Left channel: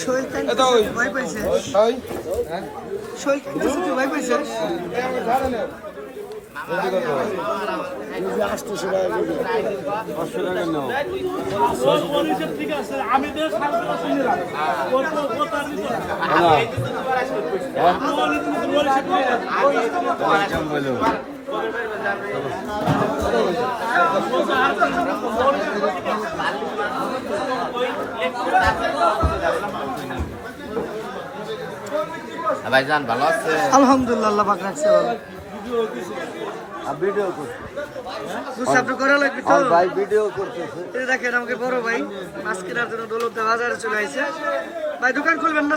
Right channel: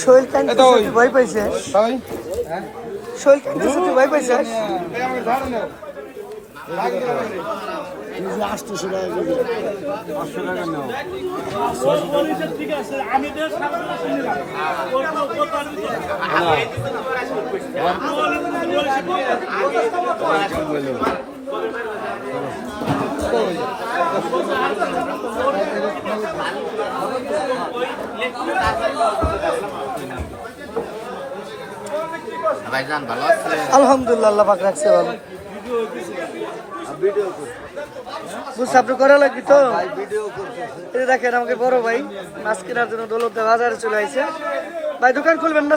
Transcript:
শৈল কান্তি ভয় পাইছে? শৈল কান্তি ভয় পাইছে ঠিক আছে আমি তো ভাইজান ভালো আছে? আলহামদুলিল্লাহ, আল্লাহ পাক রাখছে ভালো। দেখেন, আমাকে বড় ভাই মাছ কেনার জন্য দৌলতে বাজারে চলে আইছে। ভাই, দোকান খুলবেন না